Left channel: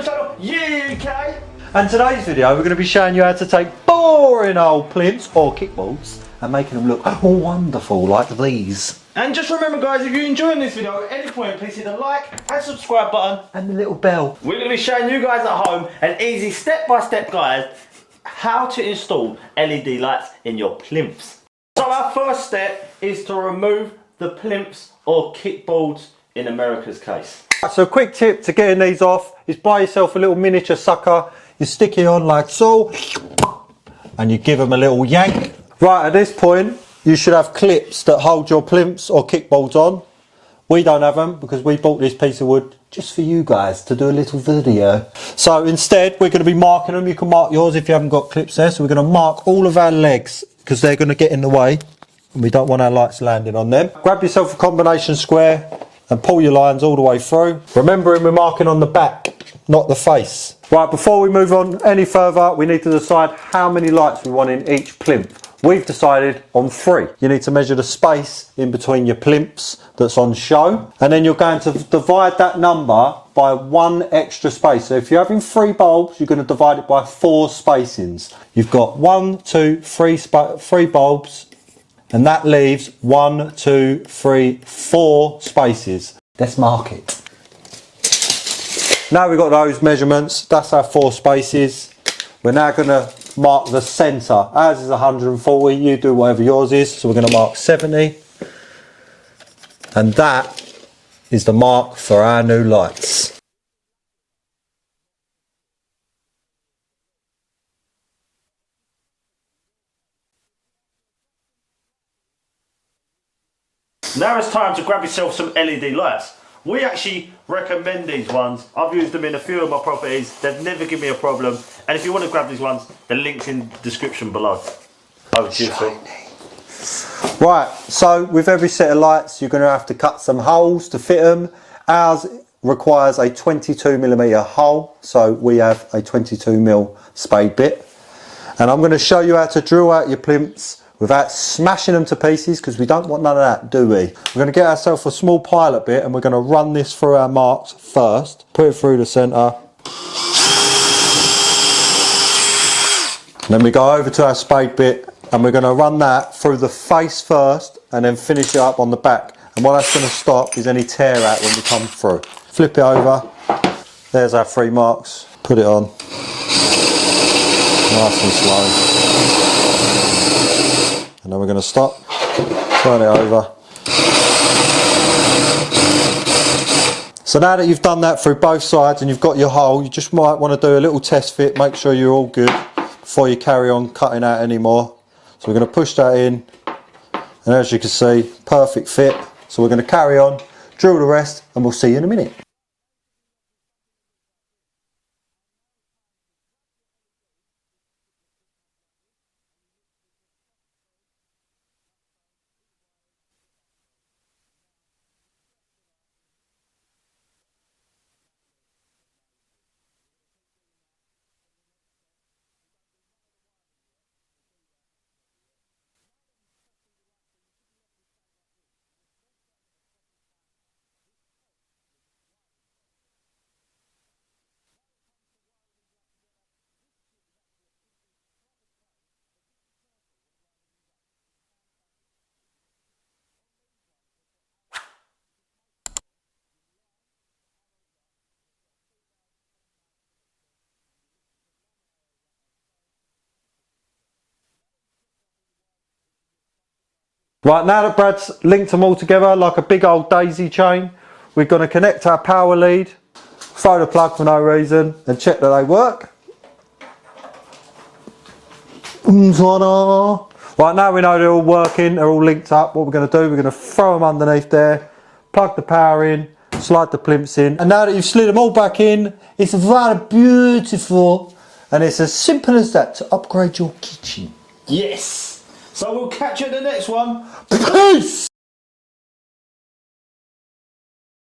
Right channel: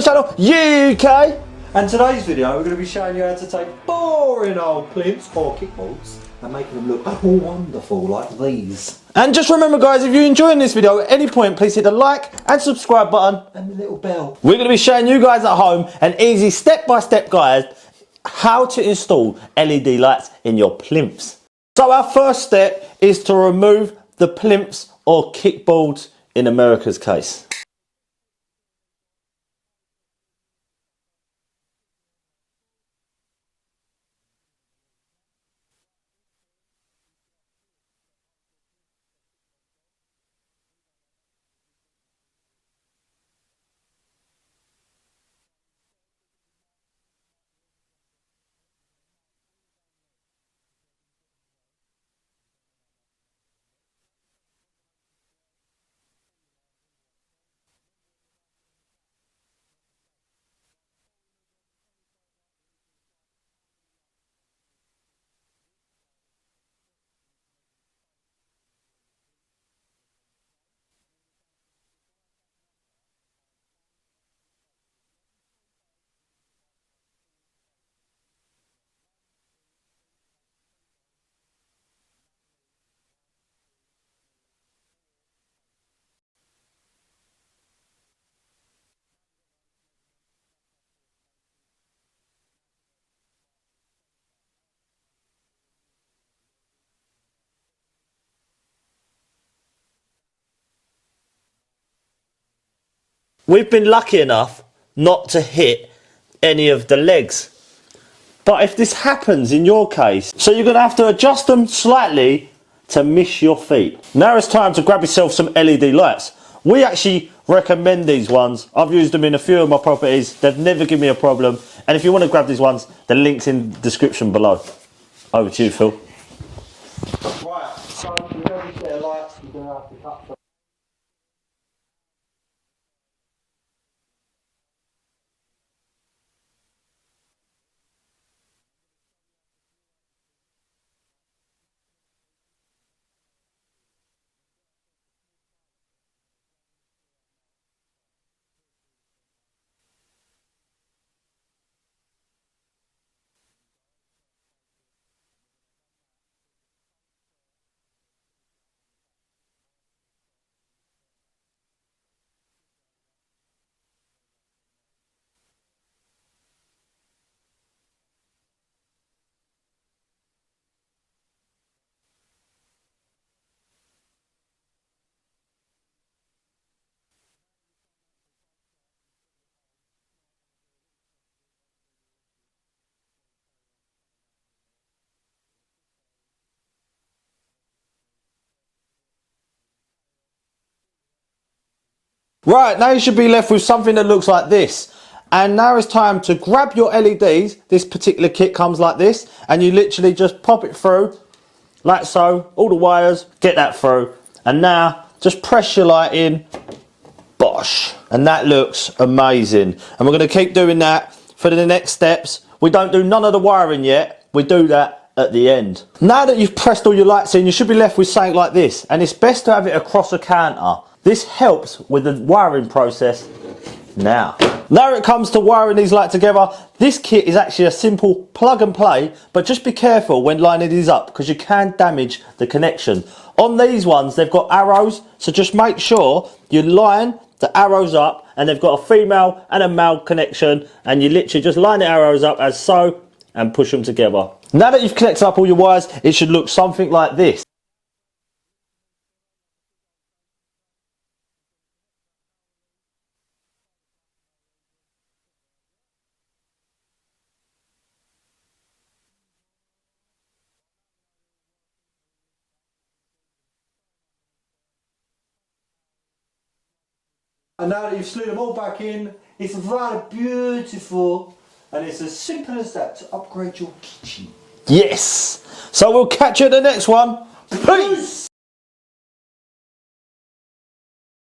from the channel UK. And today's video we're going to be showing you how to take boring old plinths or kickboards and making them look more wonderful like these. And just remember guys, if you're enjoying this video at any point, please hit the like and subscribe button and the little bell. We're going to be showing you guys at home an easy step-by-step guide how to install LED lights in your plinths. So our first step is to remove the plinths or kickboards in America's case. So a quick tip to getting these off is buy yourself a little miniature sucker. You stick it on like so and you give them a little yank. Right, at this point you should have clips that hold your plinths or kickboards on. We don't have them because we bought this piece of wood just for you guys to do a little video. So instead we're going to be marking them. You can mark yours if you haven't got clips there. So we're going to mark all of our legs because they're going to get in the way and we don't want our lights landing on them. Grab yourself a combination square and pull your lines all the way through. Remembering we're marking on the back, not the face. Right, before we move on any further, we need to decide how many lights we want in each plinth. We've decided on 3. You need to measure the space in between your plinths that's on show, and then you're going to divide that number by 1 extra space. So if you're having 3 bulbs, you're going to divide it by 4 spacings. You've got 1, 2, 3 bulbs, and that leaves 1, 2, 3, 4 spaces. Let's mark it. Now we've got those measurements, that's our 4 spaces. We're now going to mark the centre. Ours is 140, you do whatever yours is. So we're going to mark 70. And that is the mark for our new lights. We've been lucky enough not to hit any of the legs. But if this happens in your case, so you're going to have to adjust them slightly to miss your feet. Now it's time to grab yourself some LED lights. We actually recommend these ones. I've used them in a few of my properties. They've never given me a problem. And if you want to grab these ones, the link's in the description below. Over to you, Phil. Right, so with every set of lights, you're going to have to cut some holes to fit them. Ours requires a 22mm hole, so we have a 22mm spade bit. And I'm going to show you how to drill out your plinths without smashing them to pieces, because we don't want none of that, do we? We're going to get ourselves a small pilot bit and we're going to run this through our marks first. Put it through the centre. Then we go over to our spade bit and we're going to run that through the face first and then finish it up on the back. And what that's going to stop is any tear out when we come through. Flip it over. There's our 3 marks. Put it on. Nice and slow. And then we're going to stop, turn it over. So now that you've done that through both sides and you've got your hole, you just might want to do a little test fit, make sure you're all good before you carry on cutting out any more. So we're going to push that in, and as you can see, perfect fit. So we're going to carry on, drill the rest, and we'll see you in a minute. Right, now you should be left with something that looks like this. And now it's time to grab your LEDs. This particular kit comes like this, and you literally just pop it through, like so, all the wires, get that through. And now, just press your light in, bosh. And that looks amazing. And we're gonna keep doing that for the next steps. We don't do none of the wiring yet, we do that at the end. Now that you've pressed all your lights in, you should be left with something like this. And it's best to have it across a counter. This helps with the wiring process now it comes to wiring these lights together. This kit is actually a simple plug and play, but just be careful when lining these up because you can damage the connection. On these ones they've got arrows, so just make sure you line the arrows up, and they've got a female and a male connection, and you literally just line the arrows up as so and push them together. Now that you've connected up all your wires, it should look something like this. Right, now that Brad's linked them all together like a big old daisy chain, we're going to connect our power lead, throw the plug for no reason, and check that they work. Right, now we know they're all working, they're all linked up. What we're going to do, we're going to throw them underneath there, plug the power in, slide the plinths in. And now that you've slid them all back in, it's rather beautiful. And it's as simple as that to upgrade your kitchen. Yes! So we'll catch you in the next one. Peace!